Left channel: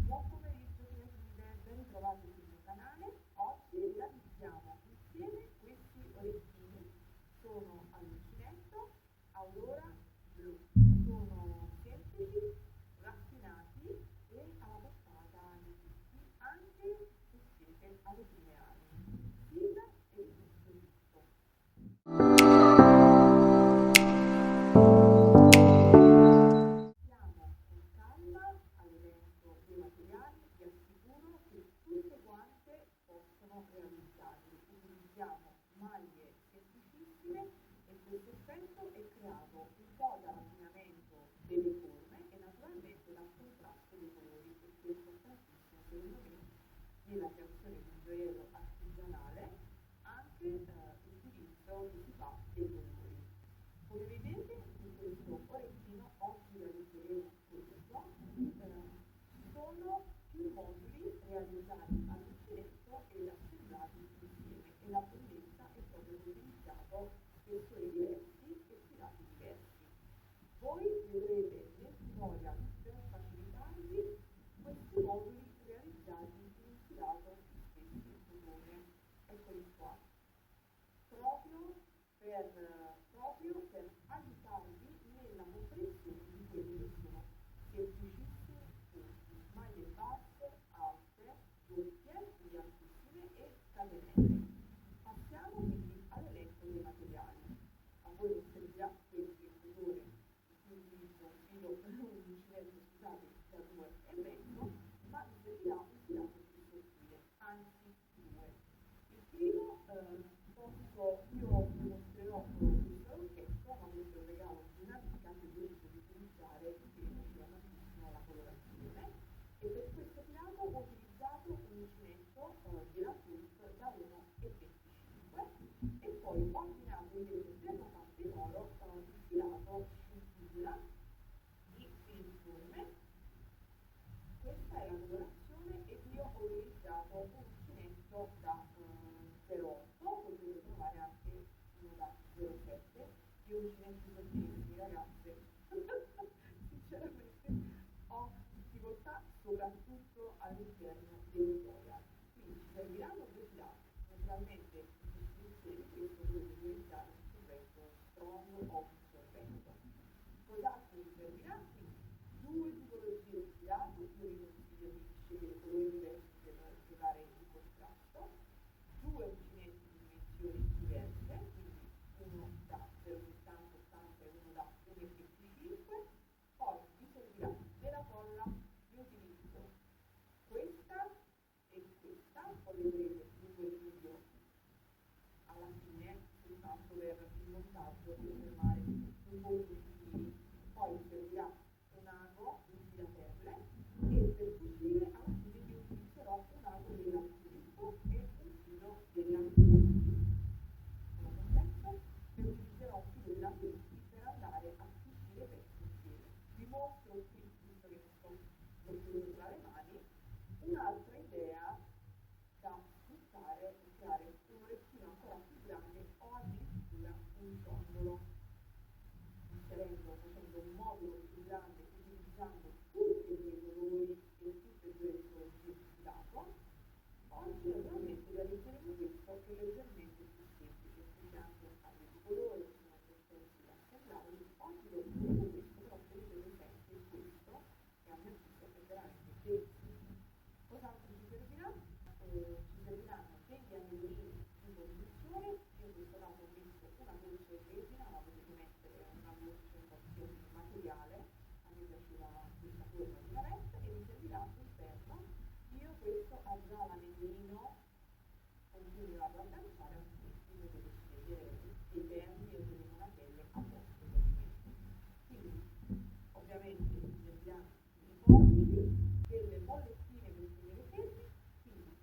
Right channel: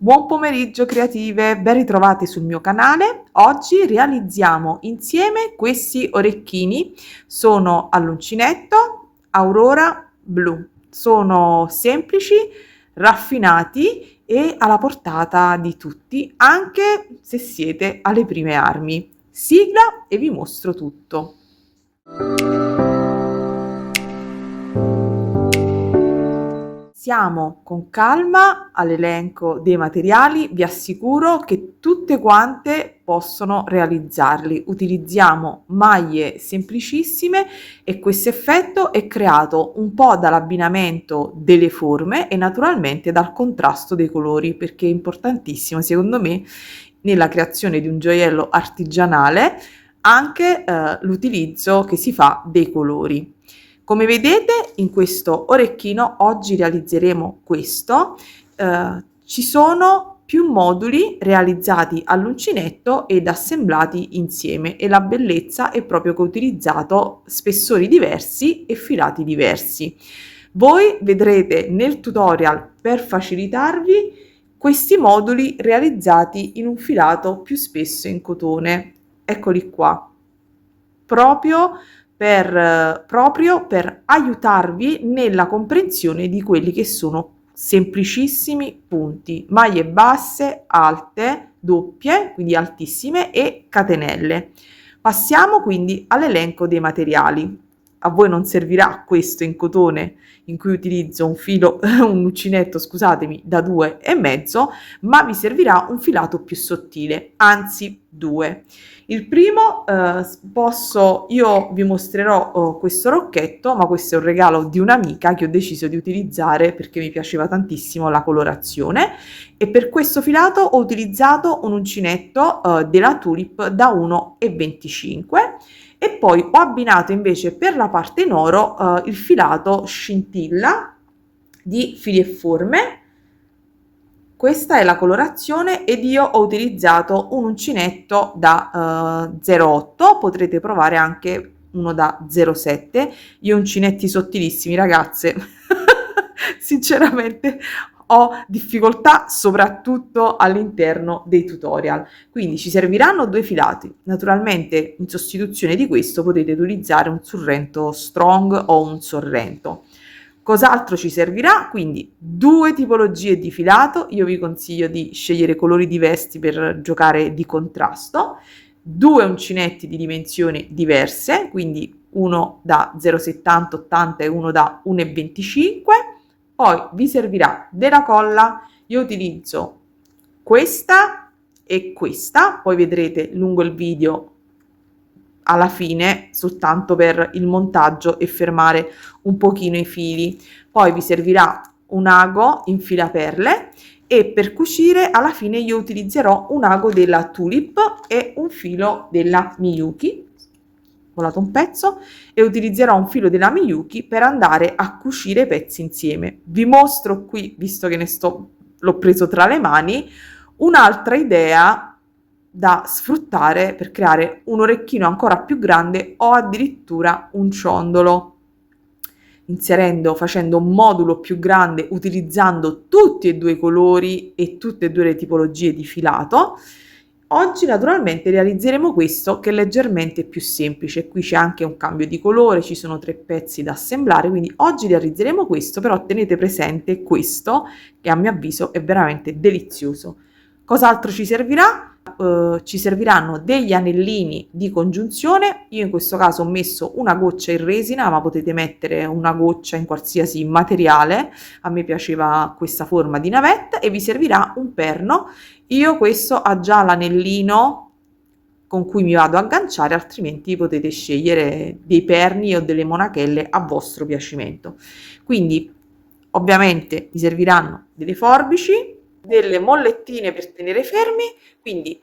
Buon pomeriggio creative, ben ritrovate sul mio canale. Oggi realizziamo insieme questi orecchini, sono all'uncinetto Aurora blu. Sono semplici, raffinati e alla portata di tutti, anche se siete alle prime armi. Sigla e vi mostro tutto. Siamo con calma all'elenco dei materiali, vi assicuro che tutte quante possono realizzarli. Utilizziamo maglie semplicissime e questo effetto è creato un po' dall'abbinamento delle forme e naturalmente dal contrasto dei colori, perché è importantissimo secondo me nella creazione di un gioiello artigianale anche l'utilizzo che si fa dei colori. Come vedete in questo orecchino oggi realizzeremo questo, ci sono più moduli realizzati all'uncinetto ed assemblati insieme e la bellezza è proprio che ho utilizzato spessori diversi e filati diversi. Voi vedrete nel tutorial per facilitarvi questi moduli realizzati in un filato più spesso in cotone. Eccoli qua, proprio per aiutarvi nella comprensione di quelli che sono semplicissimi punti, maglie basse, alte, doppie, quindi altissime e catenelle. Passiamo quindi all'elenco dei materiali. A voi non servirà questo in cotone in cui utilizzo un filo, un uncinetto, scusatemi, da 2,5, ma vi servirà un filato più sottile, anzi due. Il primo io vi mostrerò questo rocchetto, ma questo è un regalo di un'amica che ho deciso di utilizzare perché mi piaceva tantissimo la colorazione e per questo filato ho utilizzato un uncinetto della Tulip da 1,25 e poi ho abbinato invece per la parte in oro il filato scintilla di Fili e Forme. Questa è la colorazione ed io ho utilizzato un uncinetto da 0,8, potrete provare anche uno da 0,7. Io uncinetti sottilissimi, ragazze, sinceramente ho difficoltà soprattutto all'interno dei tutorial. Quindi ci serviranno due filati. Naturalmente in sostituzione di questo potete utilizzare un Sorrento Strong o un Sorrento. Cos'altro ci servirà? Quindi due tipologie di filato, io vi consiglio di scegliere colori diversi per giocare di contrasto, due uncinetti di dimensioni diverse, quindi uno da 0,70-80 e uno da 1,25, poi vi servirà della colla, io utilizzo questa e questa, poi vedrete lungo il video alla fine soltanto per il montaggio e fermare un pochino i fili. Poi vi servirà un ago in filaperle e per cucire alla fine io utilizzerò un ago della Tulip e un filo della Miyuki, volato un pezzo, e utilizzerò un filo della Miyuki per andare a cucire i pezzi insieme. Vi mostro qui, visto che l'ho preso tra le mani, un'altra idea da sfruttare per creare un orecchino ancora più grande o addirittura un ciondolo, facendo un modulo più grande utilizzando tutti e due i colori e tutte e due le tipologie di filato. Oggi naturalmente realizzeremo questo che è leggermente più semplice, qui c'è anche un cambio di colore, ci sono 3 pezzi da assemblare, quindi oggi realizzeremo questo, però tenete presente questo che a mio avviso è veramente delizioso. Cos'altro ci servirà? Ci serviranno degli anellini di congiunzione, io in questo caso ho messo una goccia in resina, ma potete mettere una goccia in qualsiasi materiale, a me piaceva questa forma di navetta, e vi servirà un perno. Io questo ha già l'anellino con cui mi vado a agganciare, altrimenti potete scegliere dei perni o delle monachelle a vostro piacimento. Quindi ovviamente vi serviranno delle forbici, delle mollettine per tenere fermi, quindi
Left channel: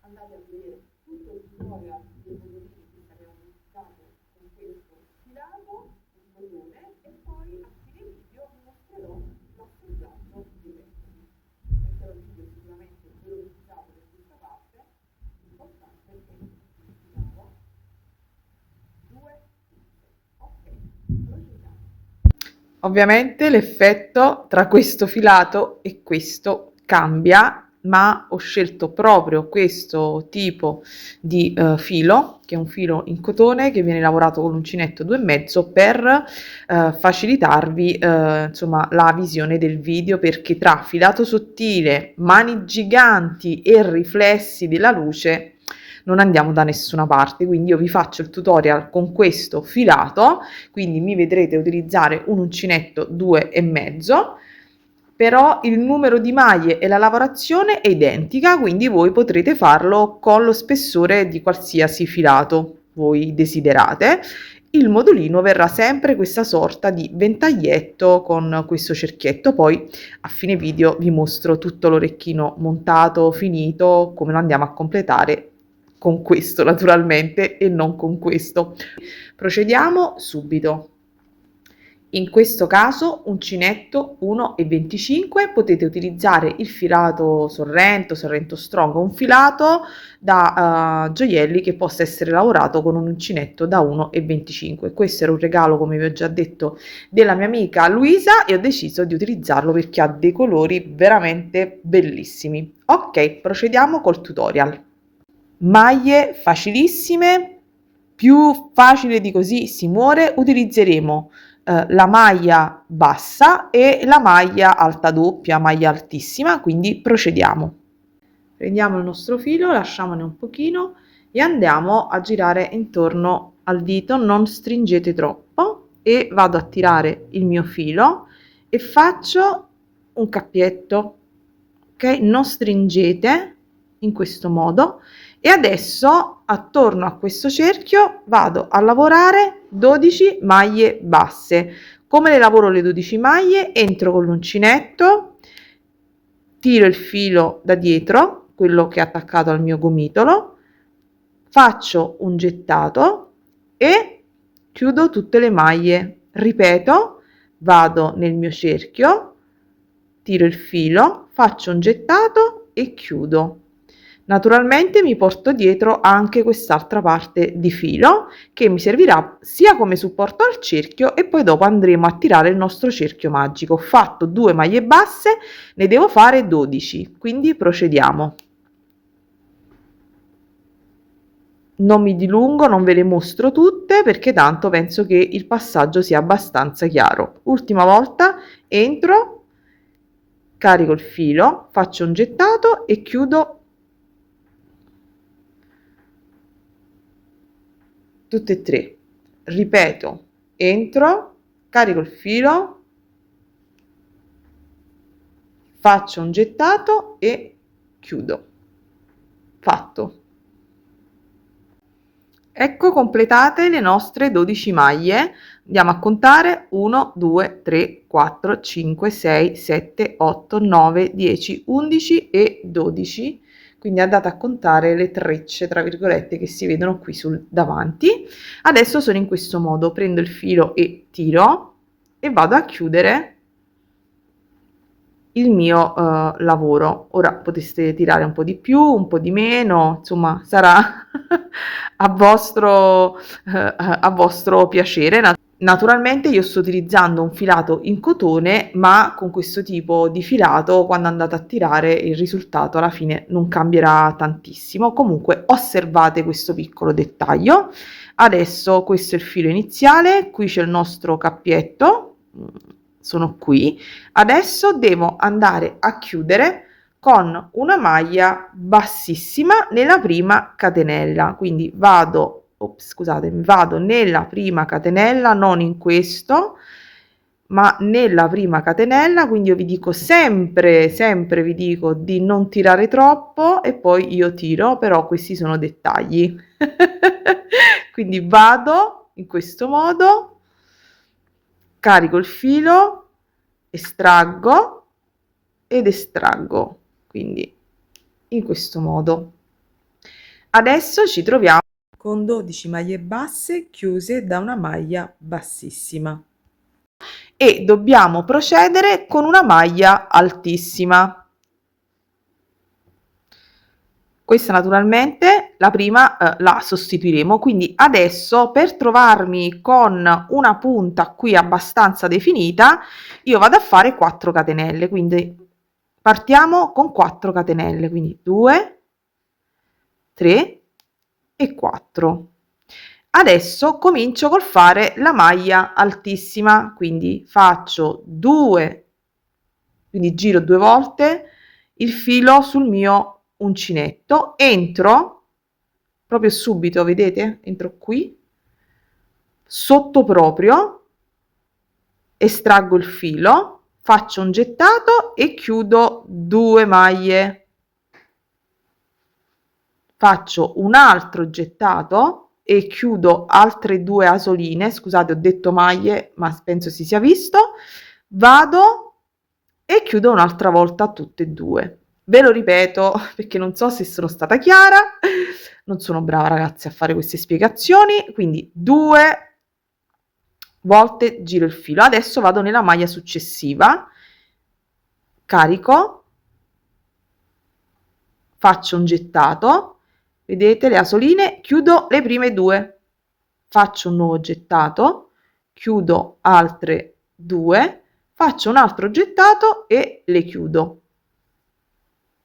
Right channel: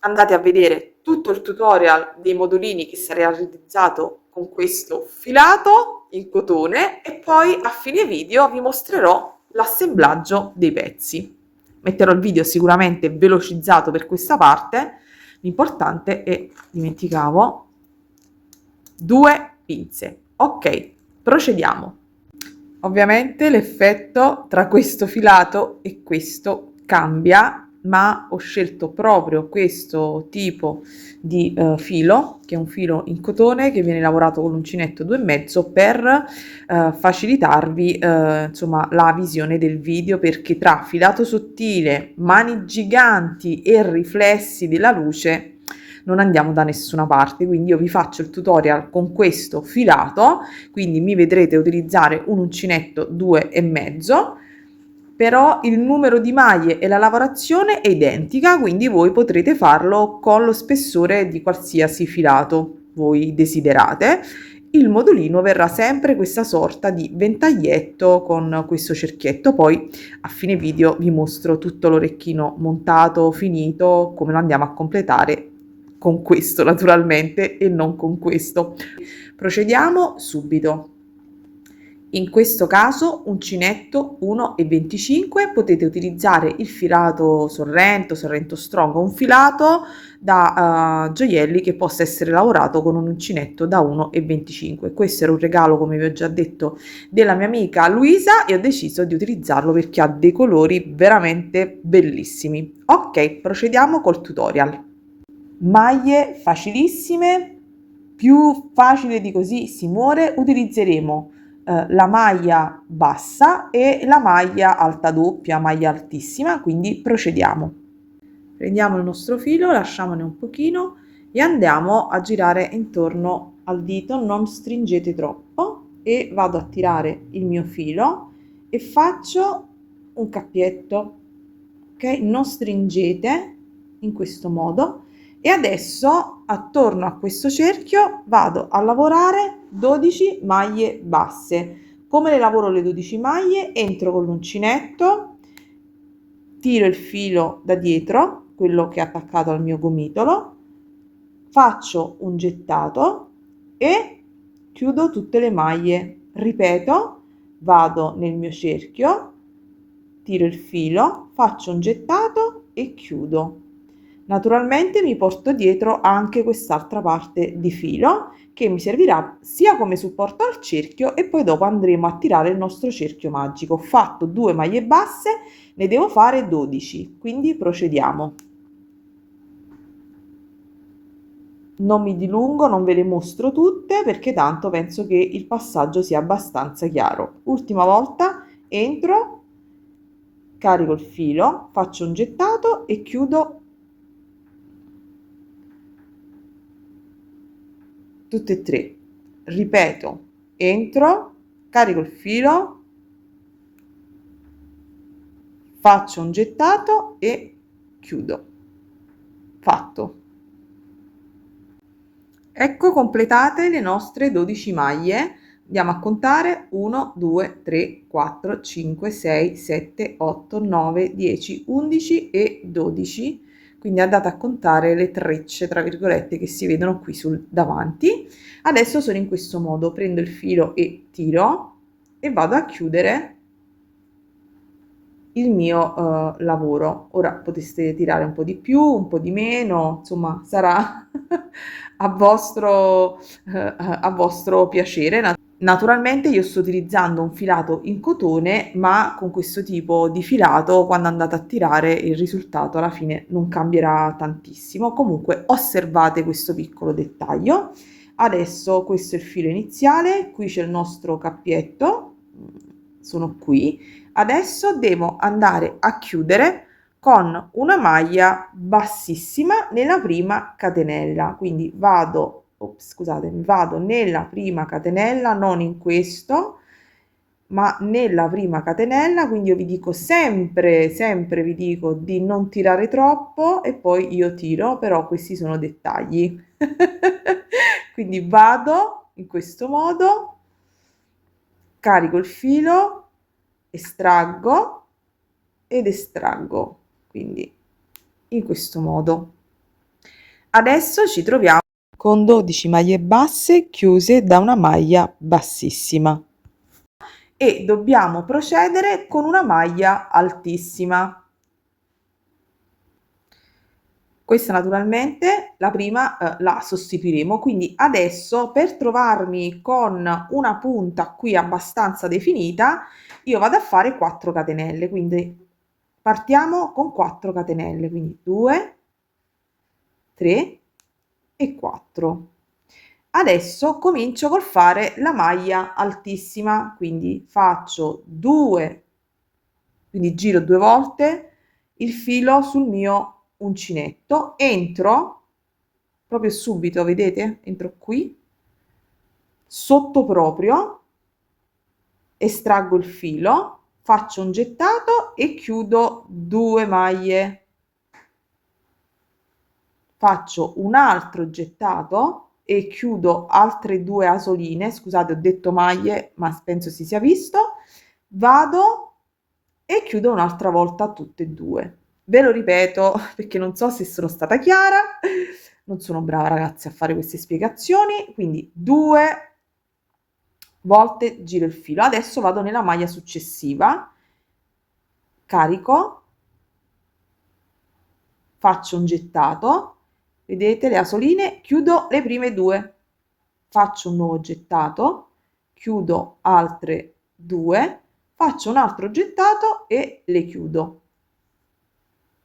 andate a vedere tutto il tutorial dei modulini che sarà realizzato con questo filato in cotone e poi a fine video vi mostrerò l'assemblaggio dei pezzi. Metterò il video sicuramente velocizzato per questa parte. L'importante è, dimenticavo, 2 pinze. Ok, procediamo. Ovviamente l'effetto tra questo filato e questo cambia, ma ho scelto proprio questo tipo di filo, che è un filo in cotone che viene lavorato con l'uncinetto 2,5 per facilitarvi insomma la visione del video, perché tra filato sottile, mani giganti e riflessi della luce non andiamo da nessuna parte. Quindi io vi faccio il tutorial con questo filato, quindi mi vedrete utilizzare un uncinetto 2,5, però il numero di maglie e la lavorazione è identica, quindi voi potrete farlo con lo spessore di qualsiasi filato voi desiderate. Il modulino verrà sempre questa sorta di ventaglietto con questo cerchietto. Poi a fine video vi mostro tutto l'orecchino montato, finito, come lo andiamo a completare con questo naturalmente e non con questo. Procediamo subito. In questo caso uncinetto 1,25, potete utilizzare il filato Sorrento, Sorrento Strong, un filato da gioielli che possa essere lavorato con un uncinetto da 1,25. Questo era un regalo, come vi ho già detto, della mia amica Luisa, e ho deciso di utilizzarlo perché ha dei colori veramente bellissimi. Ok, procediamo col tutorial. Maglie facilissime, più facile di così si muore. Utilizzeremo la maglia bassa e la maglia alta doppia, maglia altissima, quindi procediamo. Prendiamo il nostro filo, lasciamone un pochino e andiamo a girare intorno al dito, non stringete troppo, e vado a tirare il mio filo e faccio un cappietto, ok? Non stringete, in questo modo. E adesso attorno a questo cerchio vado a lavorare 12 maglie basse. Come le lavoro le 12 maglie? Entro con l'uncinetto, tiro il filo da dietro, quello che è attaccato al mio gomitolo, faccio un gettato e chiudo tutte le maglie. Ripeto, vado nel mio cerchio, tiro il filo, faccio un gettato e chiudo. Naturalmente mi porto dietro anche quest'altra parte di filo che mi servirà sia come supporto al cerchio, e poi dopo andremo a tirare il nostro cerchio magico. Ho fatto 2 maglie basse, ne devo fare 12, quindi procediamo. Non mi dilungo, non ve le mostro tutte perché tanto penso che il passaggio sia abbastanza chiaro. Ultima volta, entro, carico il filo, faccio un gettato e chiudo tutte e 3. Ripeto, entro, carico il filo, faccio un gettato e chiudo. Fatto. Ecco completate le nostre 12 maglie. Andiamo a contare: 1, 2, 3, 4, 5, 6, 7, 8, 9, 10, 11 e 12. Quindi andate a contare le trecce, tra virgolette, che si vedono qui sul davanti. Adesso sono in questo modo: prendo il filo e tiro e vado a chiudere il mio lavoro. Ora poteste tirare un po' di più, un po' di meno, insomma sarà a vostro piacere. Naturalmente io sto utilizzando un filato in cotone, ma con questo tipo di filato quando andate a tirare il risultato alla fine non cambierà tantissimo. Comunque osservate questo piccolo dettaglio. Adesso questo è il filo iniziale, qui c'è il nostro cappietto, sono qui. Adesso devo andare a chiudere con una maglia bassissima nella prima catenella, quindi vado nella prima catenella, non in questo, ma nella prima catenella. Quindi io vi dico sempre vi dico di non tirare troppo e poi io tiro, però questi sono dettagli. Quindi vado in questo modo, carico il filo, estraggo ed estraggo, quindi in questo modo. Adesso ci troviamo con 12 maglie basse chiuse da una maglia bassissima e dobbiamo procedere con una maglia altissima. Questa naturalmente la prima la sostituiremo, quindi adesso per trovarmi con una punta qui abbastanza definita io vado a fare 4 catenelle, quindi partiamo con 4 catenelle, quindi 2, 3 e 4. Adesso comincio col fare la maglia altissima, quindi faccio 2, quindi giro 2 volte il filo sul mio uncinetto, entro proprio subito, vedete? Entro qui, sotto proprio, estraggo il filo, faccio un gettato e chiudo 2 maglie. Faccio un altro gettato e chiudo altre 2 asoline, scusate ho detto maglie, ma penso si sia visto, vado e chiudo un'altra volta tutte e 2. Ve lo ripeto perché non so se sono stata chiara, non sono brava ragazzi a fare queste spiegazioni, quindi 2 volte giro il filo. Adesso vado nella maglia successiva, carico, faccio un gettato, vedete le asoline, chiudo le prime 2, faccio un nuovo gettato, chiudo altre 2, faccio un altro gettato e le chiudo.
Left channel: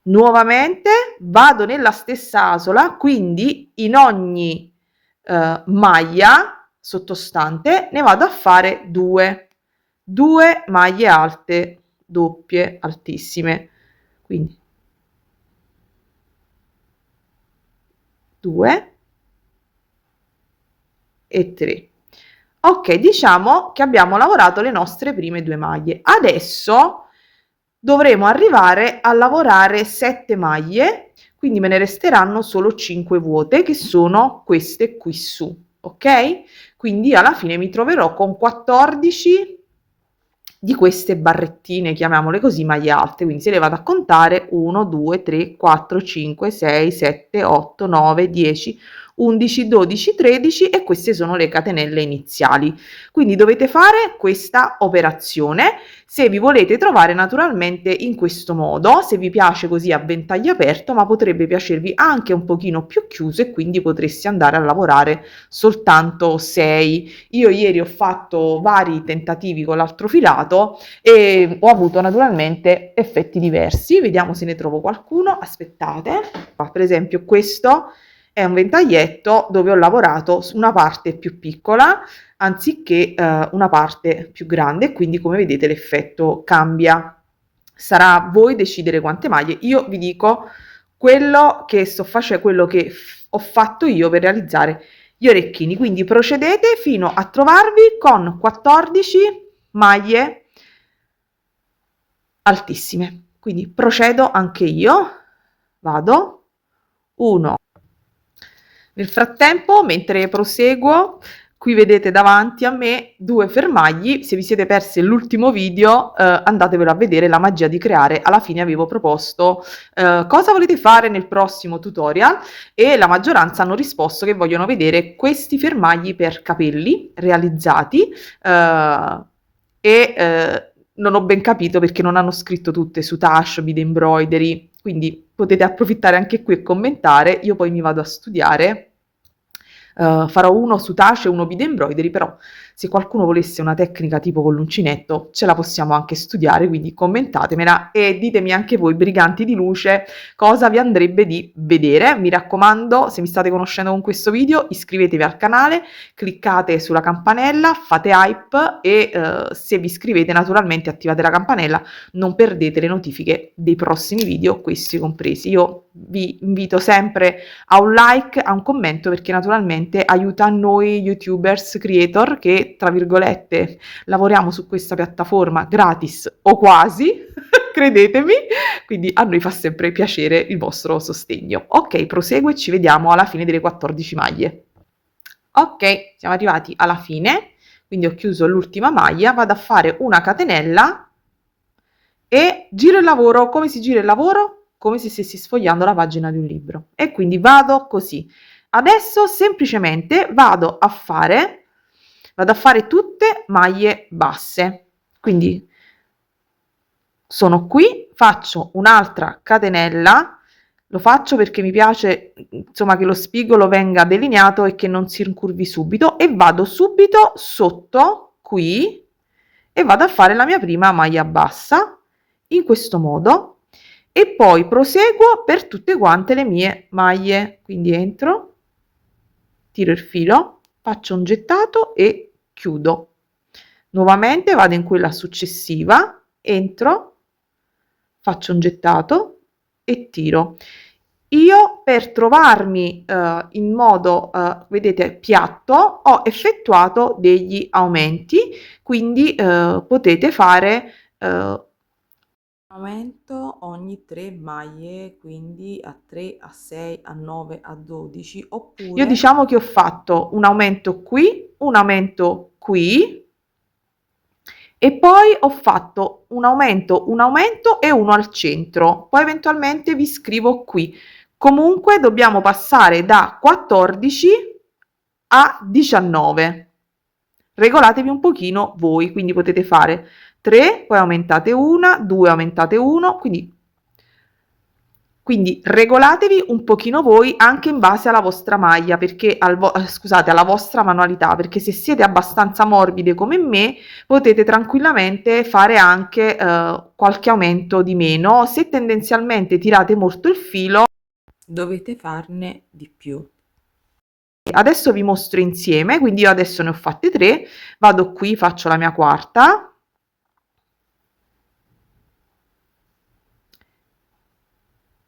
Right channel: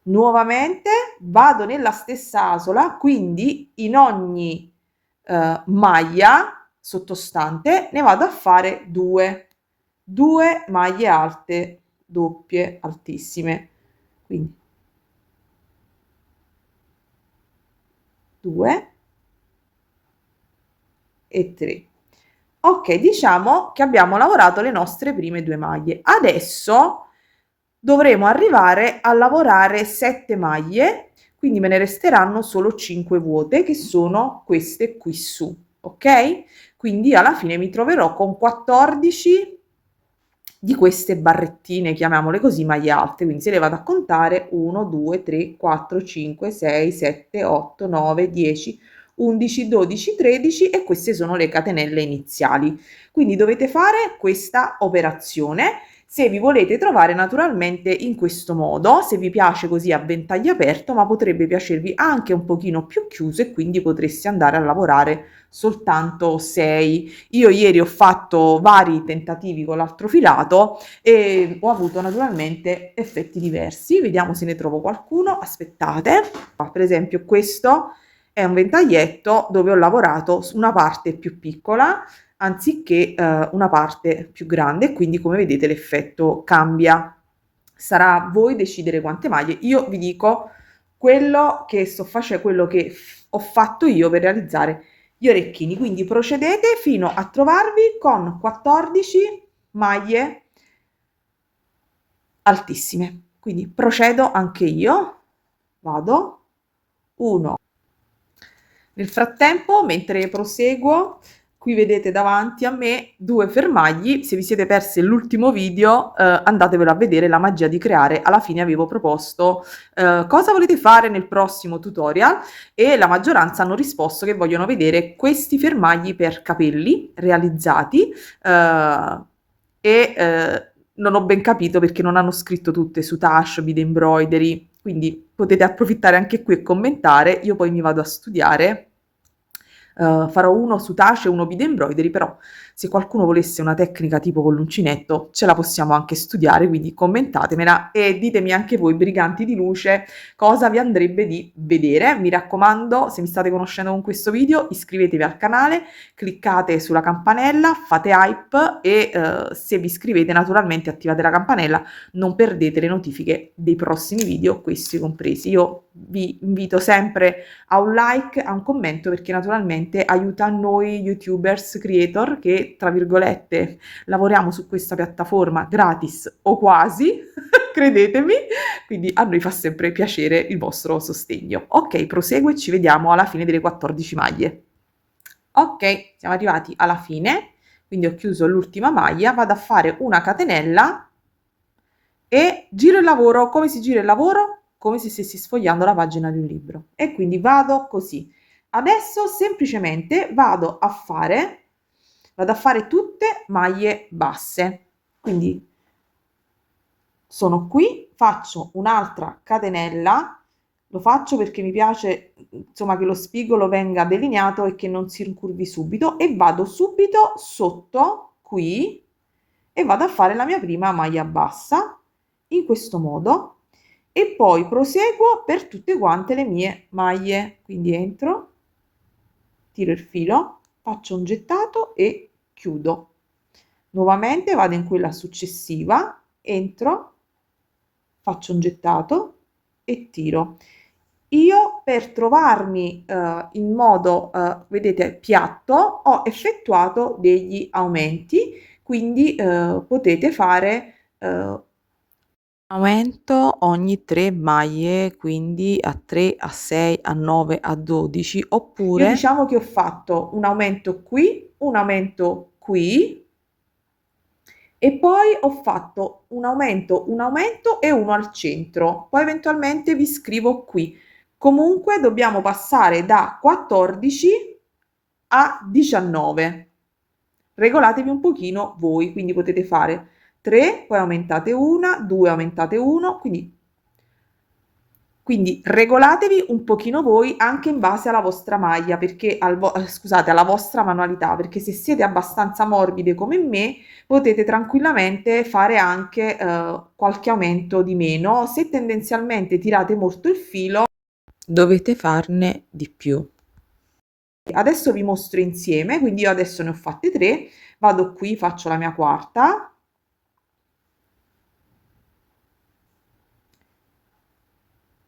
Nuovamente vado nella stessa asola, quindi in ogni maglia sottostante ne vado a fare 2 maglie alte doppie altissime, quindi 2 e 3. Ok, diciamo che abbiamo lavorato le nostre prime 2 maglie. Adesso dovremo arrivare a lavorare 7 maglie, quindi me ne resteranno solo 5 vuote, che sono queste qui su, ok? Quindi alla fine mi troverò con 14 di queste barrettine, chiamiamole così, maglie alte. Quindi se le vado a contare: 1, 2, 3, 4, 5, 6, 7, 8, 9, 10, 11, 12, 13 e queste sono le catenelle iniziali. Quindi dovete fare questa operazione se vi volete trovare naturalmente in questo modo, se vi piace così a ventaglio aperto, ma potrebbe piacervi anche un pochino più chiuso e quindi potreste andare a lavorare soltanto 6. Io ieri ho fatto vari tentativi con l'altro filato e ho avuto naturalmente effetti diversi. Vediamo se ne trovo qualcuno. Aspettate. Per esempio questo è un ventaglietto dove ho lavorato su una parte più piccola anziché una parte più grande, quindi come vedete l'effetto cambia. Sarà a voi decidere quante maglie. Io vi dico quello che sto facendo, quello che ho fatto io per realizzare gli orecchini, quindi procedete fino a trovarvi con 14 maglie altissime. Quindi procedo anche io, vado 1. Nel frattempo, mentre proseguo, qui vedete davanti a me 2 fermagli. Se vi siete persi l'ultimo video, andatevelo a vedere, la magia di creare. Alla fine avevo proposto cosa volete fare nel prossimo tutorial e la maggioranza hanno risposto che vogliono vedere questi fermagli per capelli realizzati non ho ben capito perché non hanno scritto tutte su Tash, Bead Embroidery, quindi potete approfittare anche qui e commentare. Io poi mi vado a studiare. Farò uno su Tash e uno Bead Embroidery, però se qualcuno volesse una tecnica tipo con l'uncinetto ce la possiamo anche studiare, quindi commentatemela e ditemi anche voi, briganti di luce, cosa vi andrebbe di vedere. Mi raccomando, se mi state conoscendo con questo video, iscrivetevi al canale, cliccate sulla campanella, fate hype e se vi iscrivete naturalmente attivate la campanella, non perdete le notifiche dei prossimi video, questi compresi. Io vi invito sempre a un like, a un commento, perché naturalmente aiuta noi youtubers creator che tra virgolette lavoriamo su questa piattaforma gratis o quasi credetemi, quindi a noi fa sempre piacere il vostro sostegno. Ok, proseguo e ci vediamo alla fine delle 14 maglie. Ok, siamo arrivati alla fine, quindi ho chiuso l'ultima maglia, vado a fare una catenella e giro il lavoro. Come si gira il lavoro? Come se stessi sfogliando la pagina di un libro. E quindi vado così. Adesso semplicemente vado a fare tutte maglie basse. Quindi sono qui, faccio un'altra catenella, lo faccio perché mi piace insomma che lo spigolo venga delineato e che non si incurvi subito, e vado subito sotto qui e vado a fare la mia prima maglia bassa in questo modo. e poi proseguo per tutte quante le mie maglie. Quindi entro, tiro il filo, faccio un gettato e chiudo. Nuovamente vado in quella successiva, entro, faccio un gettato e tiro. Io per trovarmi in modo, vedete, piatto, ho effettuato degli aumenti, quindi potete fare aumento ogni 3 maglie, quindi a 3, a 6, a 9, a 12, io oppure diciamo che ho fatto un aumento qui, un aumento qui e poi ho fatto un aumento e uno al centro. Poi eventualmente vi scrivo qui. Comunque dobbiamo passare da 14 a 19. Regolatevi un pochino voi, quindi potete fare 3, poi aumentate una, 2 aumentate 1, quindi regolatevi un pochino voi anche in base alla vostra maglia, perché scusate, alla vostra manualità, perché se siete abbastanza morbide come me, potete tranquillamente fare anche qualche aumento di meno. Se tendenzialmente tirate molto il filo, dovete farne di più. Adesso vi mostro insieme, quindi io adesso ne ho fatte 3, vado qui, faccio la mia quarta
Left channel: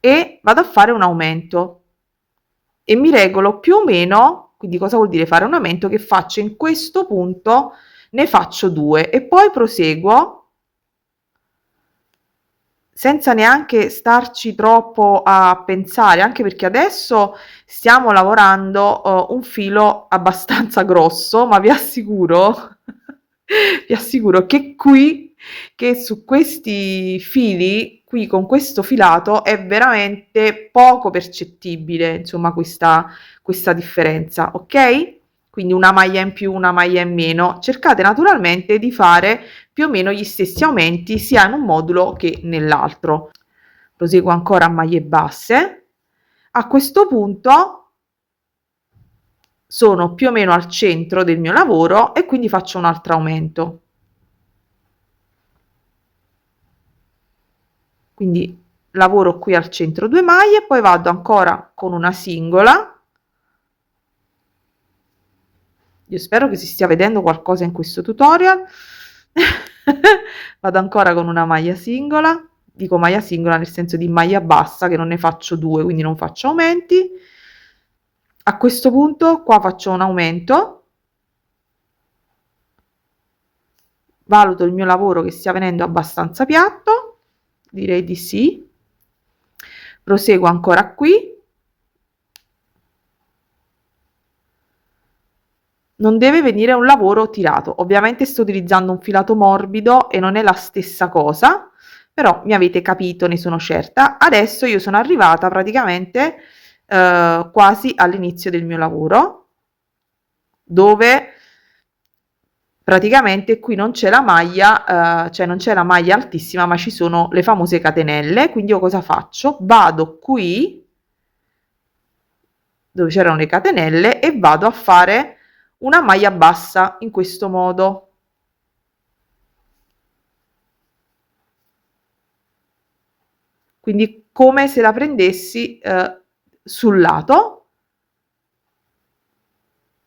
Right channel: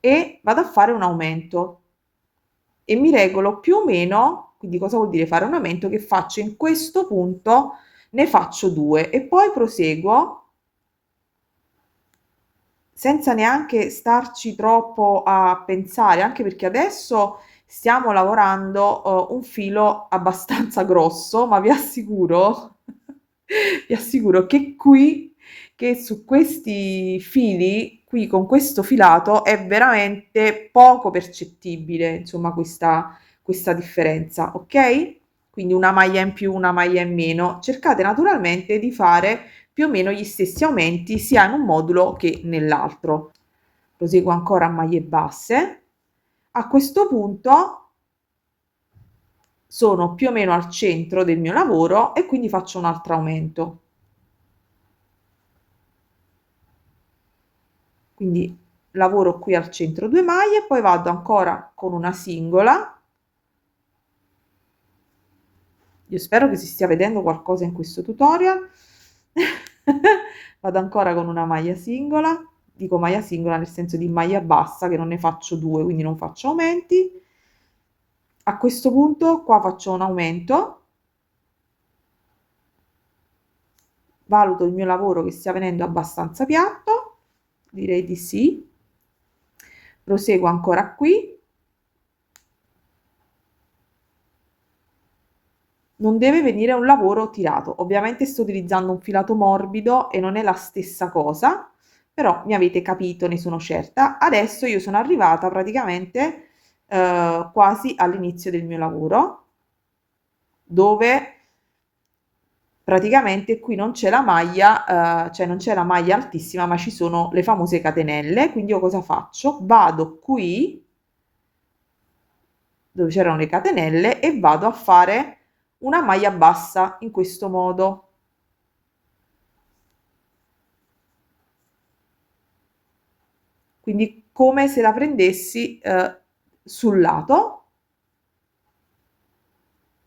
e vado a fare un aumento e mi regolo più o meno, quindi cosa vuol dire fare un aumento, che faccio in questo punto, ne faccio 2 e poi proseguo senza neanche starci troppo a pensare, anche perché adesso stiamo lavorando un filo abbastanza grosso, ma vi assicuro vi assicuro che su questi fili, qui con questo filato, è veramente poco percettibile, insomma, questa differenza, ok? Quindi una maglia in più, una maglia in meno. Cercate naturalmente di fare più o meno gli stessi aumenti sia in un modulo che nell'altro. Proseguo ancora a maglie basse. A questo punto sono più o meno al centro del mio lavoro e quindi faccio un altro aumento. Quindi lavoro qui al centro 2 maglie, poi vado ancora con una singola. Io spero che si stia vedendo qualcosa in questo tutorial. Vado ancora con una maglia singola, dico maglia singola nel senso di maglia bassa, che non ne faccio 2, quindi non faccio aumenti. A questo punto qua faccio un aumento, valuto il mio lavoro che stia venendo abbastanza piatto, direi di sì. Proseguo ancora qui. Non deve venire un lavoro tirato. Ovviamente sto utilizzando un filato morbido e non è la stessa cosa, però mi avete capito, ne sono certa. Adesso io sono arrivata praticamente quasi all'inizio del mio lavoro, dove praticamente qui non c'è la maglia, cioè non c'è la maglia altissima, ma ci sono le famose catenelle. Quindi io cosa faccio? Vado qui dove c'erano le catenelle e vado a fare una maglia bassa in questo modo. Quindi come se la prendessi sul lato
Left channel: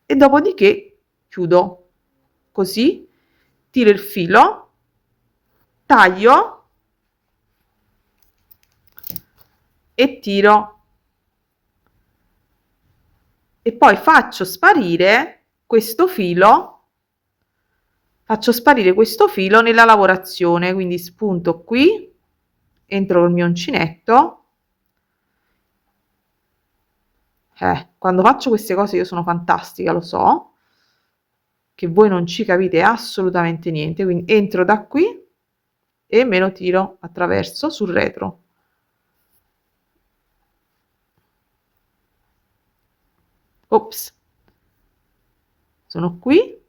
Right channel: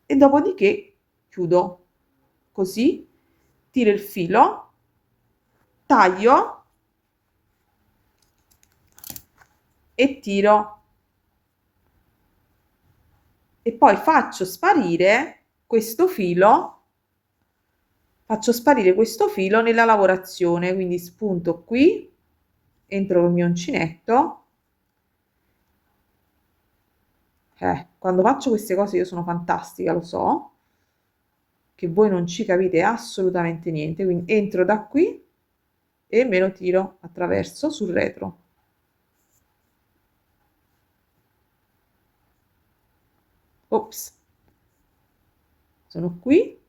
e dopodiché chiudo così, tiro il filo, taglio e tiro e poi faccio sparire questo filo nella lavorazione, quindi spunto qui, entro col mio uncinetto. Quando faccio queste cose io sono fantastica, lo so, che voi non ci capite assolutamente niente, quindi entro da qui e me lo tiro attraverso sul retro. Ops, sono qui,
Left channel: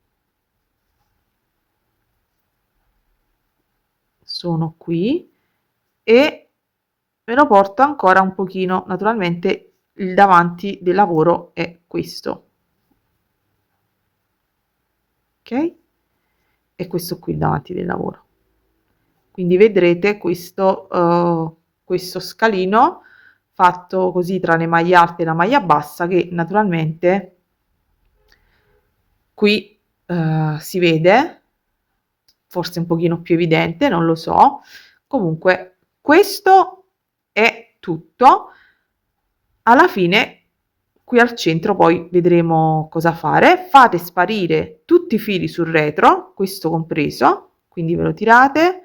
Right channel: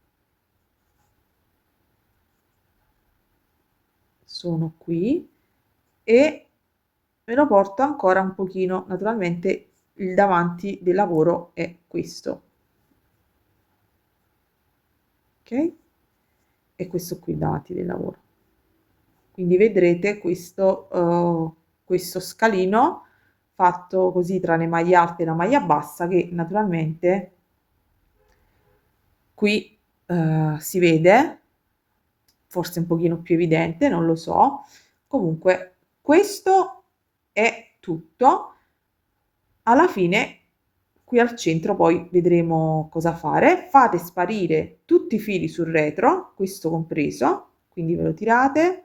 sono qui e me lo porto ancora un pochino, naturalmente il davanti del lavoro è questo, ok? E questo qui il davanti del lavoro. Quindi vedrete questo questo scalino fatto così tra le maglie alte e la maglia bassa, che naturalmente qui si vede, forse un pochino più evidente, non lo so. Comunque questo è tutto. Alla fine qui al centro poi vedremo cosa fare. Fate sparire tutti i fili sul retro, questo compreso, quindi ve lo tirate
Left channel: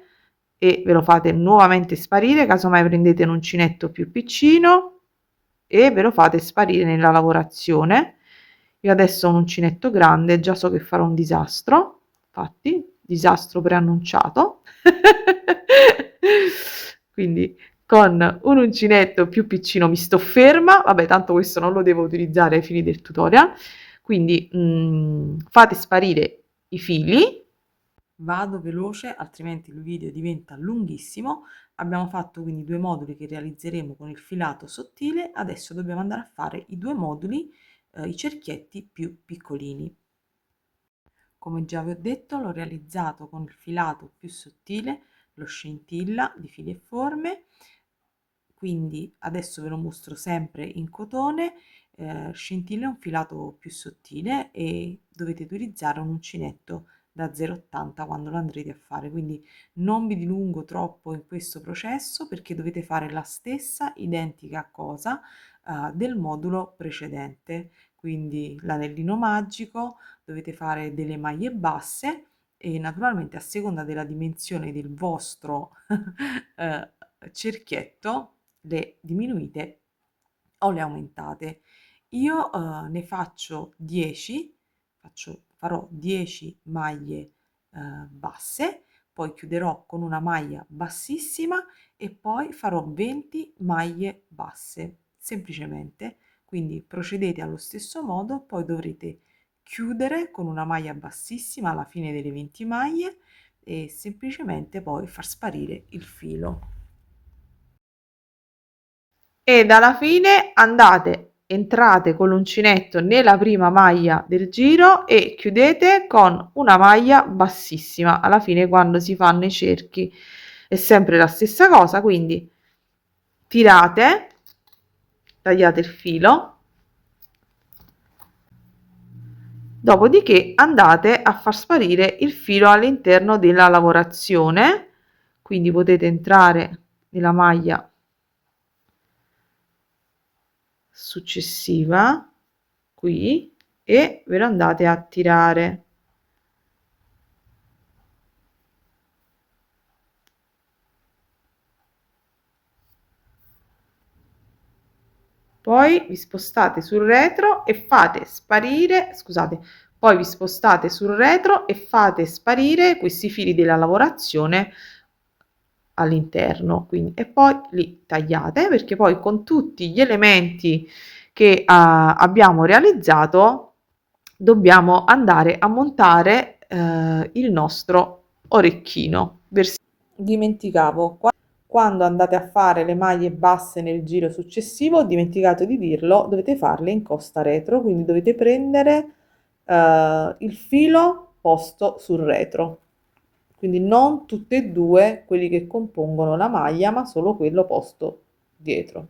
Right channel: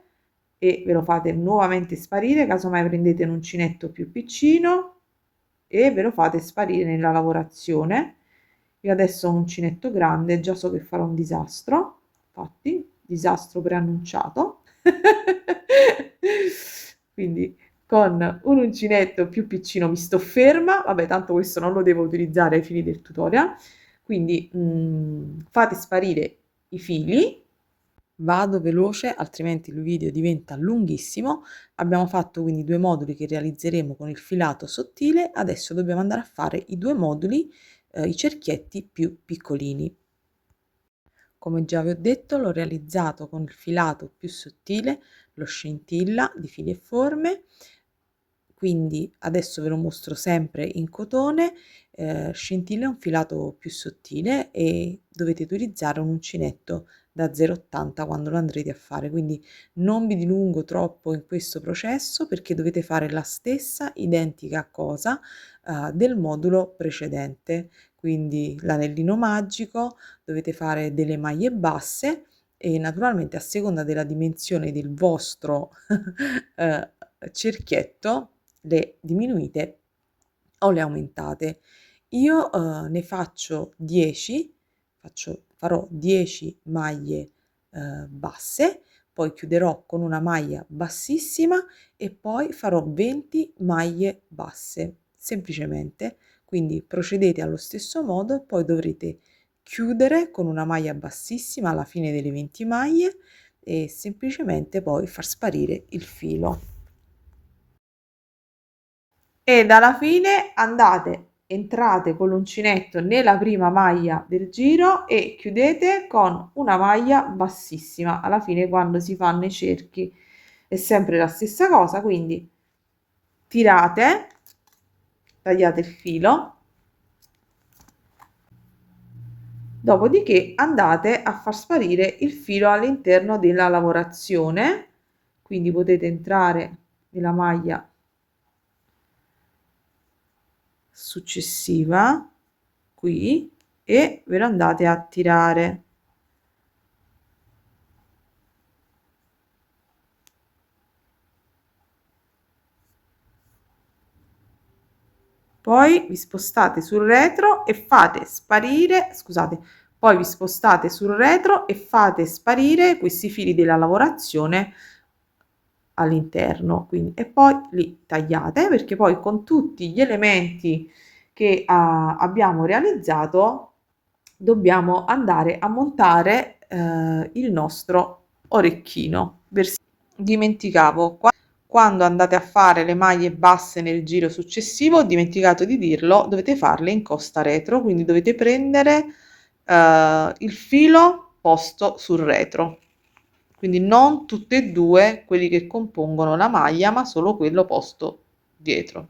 e ve lo fate nuovamente sparire, casomai prendete un uncinetto più piccino e ve lo fate sparire nella lavorazione. Io adesso ho un uncinetto grande, già so che farò un disastro, infatti, disastro preannunciato. Quindi con un uncinetto più piccino mi sto ferma, vabbè, tanto questo non lo devo utilizzare ai fini del tutorial, quindi fate sparire i fili. Vado veloce, altrimenti il video diventa lunghissimo. Abbiamo fatto quindi 2 moduli che realizzeremo con il filato sottile, adesso dobbiamo andare a fare i 2 moduli, i cerchietti più piccolini. Come già vi ho detto, l'ho realizzato con il filato più sottile, lo scintilla di Fili e Forme, quindi adesso ve lo mostro sempre in cotone. Scintilla è un filato più sottile e dovete utilizzare un uncinetto da 0,80 quando lo andrete a fare, quindi non vi dilungo troppo in questo processo perché dovete fare la stessa identica cosa del modulo precedente, quindi l'anellino magico, dovete fare delle maglie basse e naturalmente a seconda della dimensione del vostro cerchietto le diminuite o le aumentate. Io ne faccio 10, farò 10 maglie basse, poi chiuderò con una maglia bassissima e poi farò 20 maglie basse, semplicemente. Quindi procedete allo stesso modo, poi dovrete chiudere con una maglia bassissima alla fine delle 20 maglie e semplicemente poi far sparire il filo. Ed alla fine entrate con l'uncinetto nella prima maglia del giro e chiudete con una maglia bassissima. Alla fine quando si fanno i cerchi è sempre la stessa cosa, quindi tirate, tagliate il filo, dopodiché andate a far sparire il filo all'interno della lavorazione, quindi potete entrare nella maglia successiva qui e ve lo andate a tirare. Poi vi spostate sul retro e fate sparire, scusate, poi vi spostate sul retro e fate sparire questi fili della lavorazione all'interno, quindi e poi li tagliate perché poi con tutti gli elementi che abbiamo realizzato dobbiamo andare a montare il nostro orecchino. Dimenticavo, quando andate a fare le maglie basse nel giro successivo, ho dimenticato di dirlo, dovete farle in costa retro, quindi dovete prendere il filo posto sul retro, quindi non tutte e due quelli che compongono la maglia, ma solo quello posto dietro.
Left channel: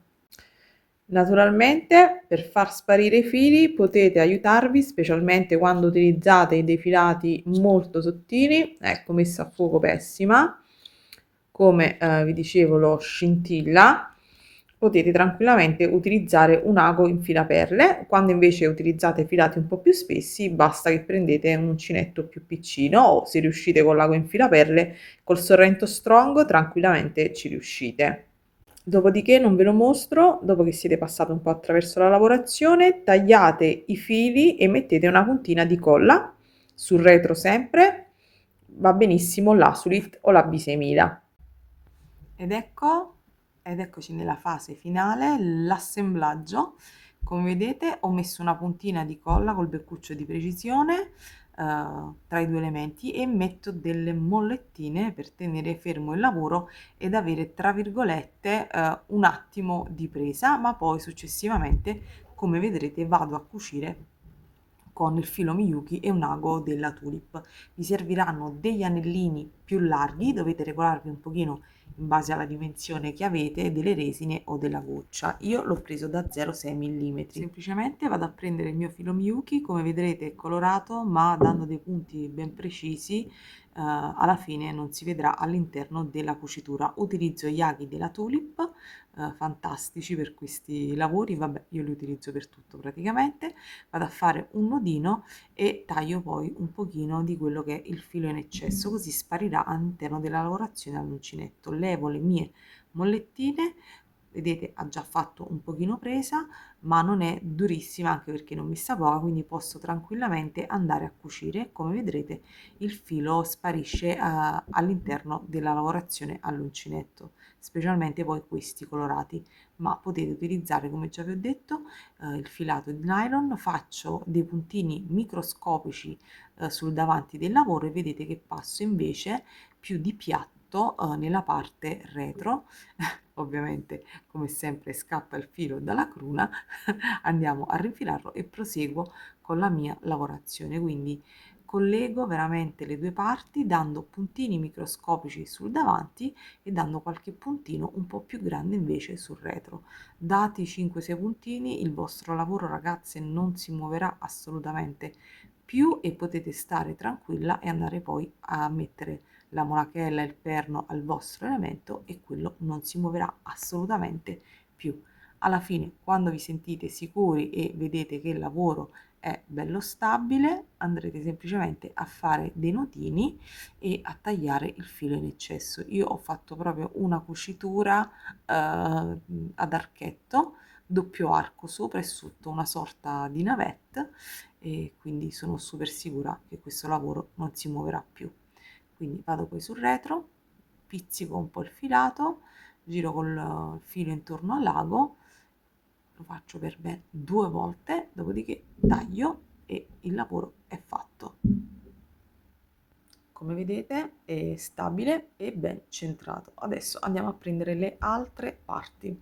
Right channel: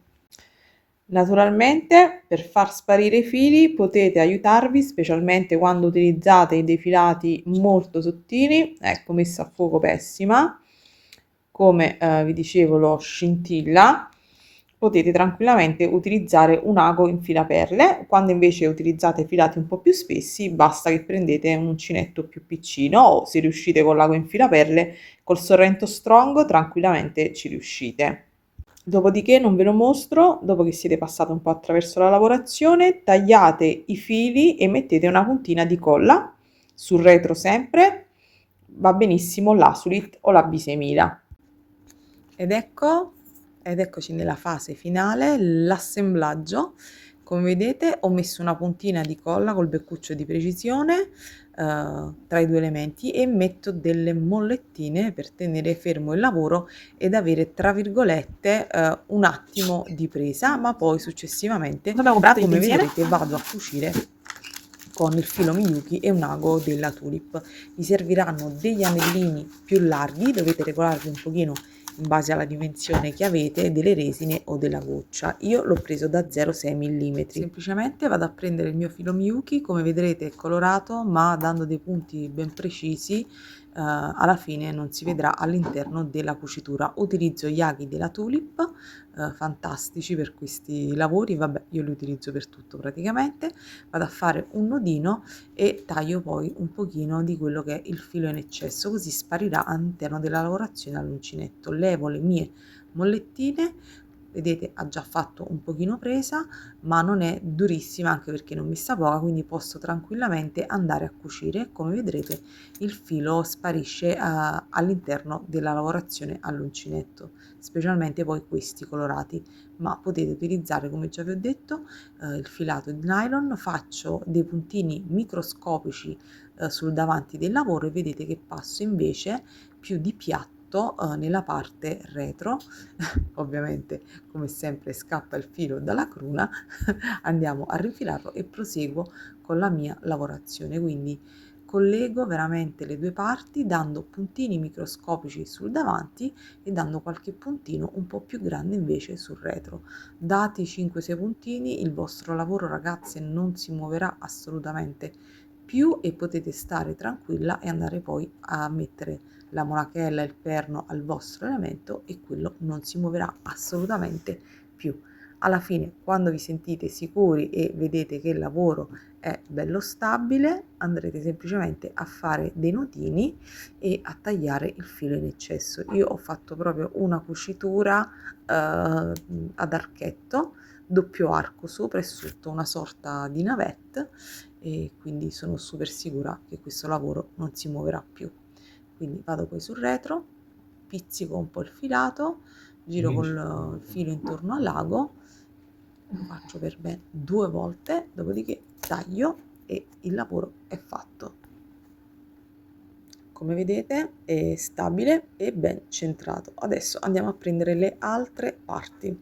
Naturalmente per far sparire i fili potete aiutarvi, specialmente quando utilizzate dei filati molto sottili, ecco, messa a fuoco pessima, come vi dicevo lo scintilla, potete tranquillamente utilizzare un ago in filaperle. Quando invece utilizzate filati un po' più spessi basta che prendete un uncinetto più piccino o se riuscite con l'ago in filaperle col Sorrento Strong tranquillamente ci riuscite. Dopodiché non ve lo mostro, dopo che siete passati un po' attraverso la lavorazione, tagliate i fili e mettete una puntina di colla sul retro sempre, va benissimo l'Asulit o la B6000. Ed eccoci nella fase finale, l'assemblaggio. Come vedete ho messo una puntina di colla col beccuccio di precisione tra i due elementi e metto delle mollettine per tenere fermo il lavoro ed avere tra virgolette un attimo di presa, ma poi successivamente come vedrete vado a cucire con il filo Miyuki e un ago della Tulip. Vi serviranno degli anellini più larghi, dovete regolarvi un pochino in base alla dimensione che avete delle resine o della goccia. Io l'ho preso da 0,6 mm. Semplicemente vado a prendere il mio filo Miyuki, come vedrete è colorato ma dando dei punti ben precisi. Alla fine non si vedrà all'interno della cucitura. Utilizzo gli aghi della Tulip, fantastici per questi lavori, vabbè io li utilizzo per tutto praticamente. Vado a fare un nodino e taglio poi un pochino di quello che è il filo in eccesso, così sparirà all'interno della lavorazione all'uncinetto. Levo le mie mollettine, vedete ha già fatto un pochino presa, ma non è durissima anche perché non messa poca, quindi posso tranquillamente andare a cucire. Come vedrete il filo sparisce all'interno della lavorazione all'uncinetto, specialmente poi questi colorati, ma potete utilizzare, come già vi ho detto, il filato di nylon. Faccio dei puntini microscopici sul davanti del lavoro e vedete che passo invece più di piatto nella parte retro. Ovviamente come sempre scappa il filo dalla cruna. Andiamo a rinfilarlo e proseguo con la mia lavorazione, quindi collego veramente le due parti dando puntini microscopici sul davanti e dando qualche puntino un po' più grande invece sul retro. Dati 5-6 puntini il vostro lavoro, ragazze, non si muoverà assolutamente più e potete stare tranquilla e andare poi a mettere la monachella e il perno al vostro elemento e quello non si muoverà assolutamente più. Alla fine, quando vi sentite sicuri e vedete che il lavoro è bello stabile, andrete semplicemente a fare dei nodini e a tagliare il filo in eccesso. Io ho fatto proprio una cucitura ad archetto, doppio arco sopra e sotto, una sorta di navette, e quindi sono super sicura che questo lavoro non si muoverà più. Quindi vado poi sul retro, pizzico un po' il filato, giro col filo intorno al lago, lo faccio per ben 2 volte, dopodiché taglio e il lavoro è fatto. Come vedete è stabile e ben centrato. Adesso andiamo a prendere le altre parti.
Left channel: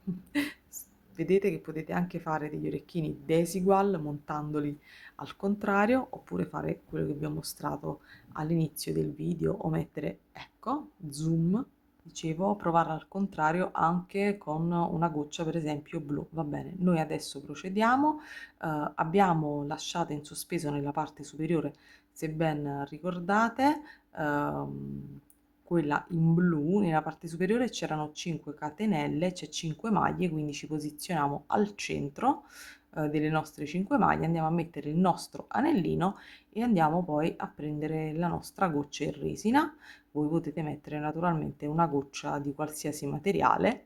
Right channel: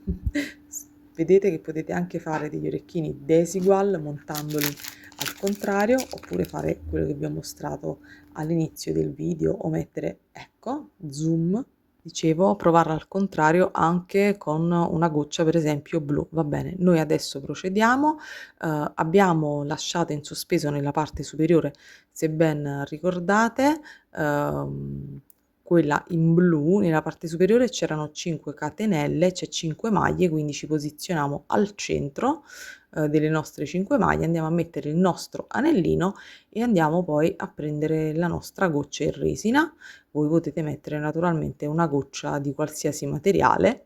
Vedete che potete anche fare degli orecchini desigual montandoli al contrario, oppure fare quello che vi ho mostrato all'inizio del video o mettere, ecco, zoom. Dicevo, provarla al contrario anche con una goccia per esempio blu. Va bene, noi adesso procediamo. Abbiamo lasciato in sospeso nella parte superiore, se ben ricordate, quella in blu. Nella parte superiore c'erano 5 catenelle, c'è 5 maglie, quindi ci posizioniamo al centro delle nostre 5 maglie, andiamo a mettere il nostro anellino e andiamo poi a prendere la nostra goccia in resina. Voi potete mettere naturalmente una goccia di qualsiasi materiale,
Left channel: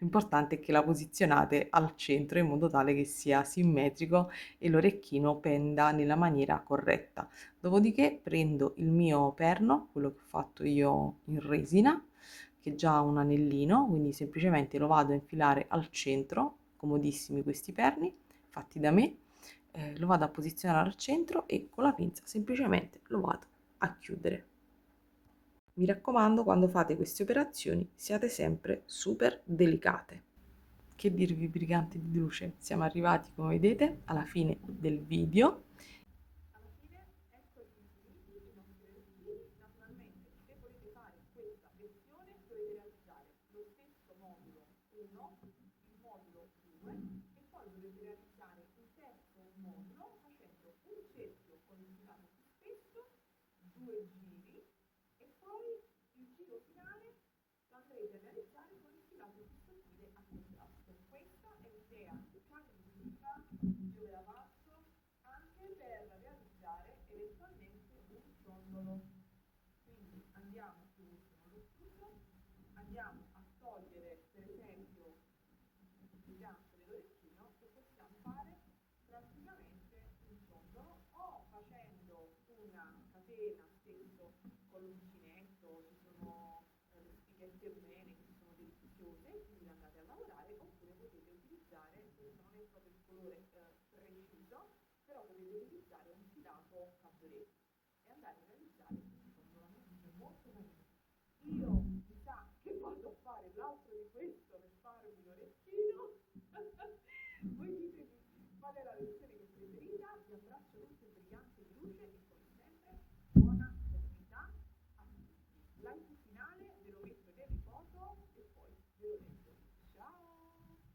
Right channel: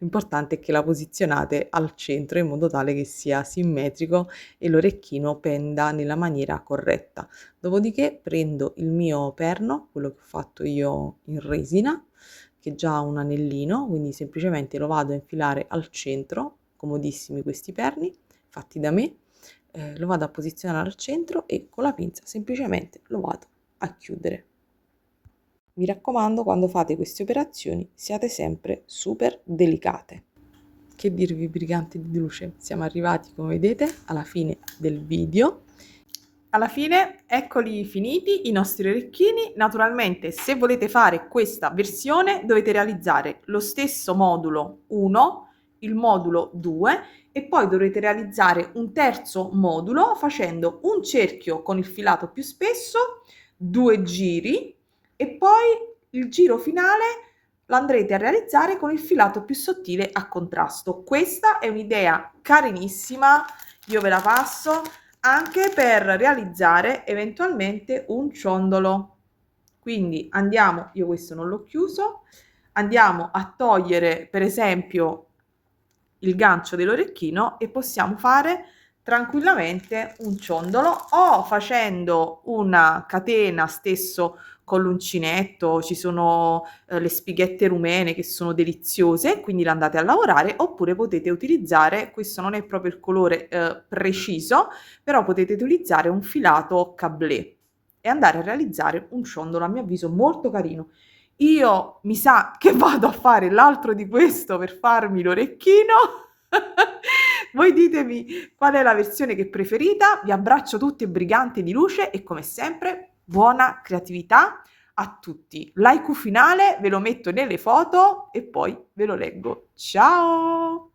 l'importante è che la posizionate al centro in modo tale che sia simmetrico e l'orecchino penda nella maniera corretta. Dopodiché prendo il mio perno, quello che ho fatto io in resina, che già ha un anellino, quindi semplicemente lo vado a infilare al centro, comodissimi questi perni, fatti da me, lo vado a posizionare al centro e con la pinza semplicemente lo vado a chiudere. Mi raccomando, quando fate queste operazioni siate sempre super delicate. Che dirvi, briganti di luce, siamo arrivati, come vedete, alla fine del video. Alla fine, eccoli finiti i nostri orecchini. Naturalmente, se volete fare questa versione, dovete realizzare lo stesso modulo 1, il modulo 2 e poi dovrete realizzare un terzo modulo facendo un cerchio con il filato più spesso, 2 giri e poi il giro finale lo andrete a realizzare con il filato più sottile a contrasto. Questa è un'idea carinissima, io ve la passo anche per realizzare eventualmente un ciondolo. Quindi andiamo, io questo non l'ho chiuso, andiamo a togliere per esempio il gancio dell'orecchino e possiamo fare tranquillamente un ciondolo o facendo una catena stesso con l'uncinetto. Ci sono le spighette rumene che sono deliziose, quindi le andate a lavorare, oppure potete utilizzare, questo non è proprio il colore preciso, però potete utilizzare un filato cablé e andare a realizzare un ciondolo a mio avviso molto carino. Io mi sa che vado a fare l'altro di questo per farmi l'orecchino. Voi ditemi qual è la versione che preferita. Vi abbraccio tutti briganti di luce e come sempre buona creatività. a tutti. L'haiku finale ve lo metto nelle foto e poi ve lo leggo. Ciao!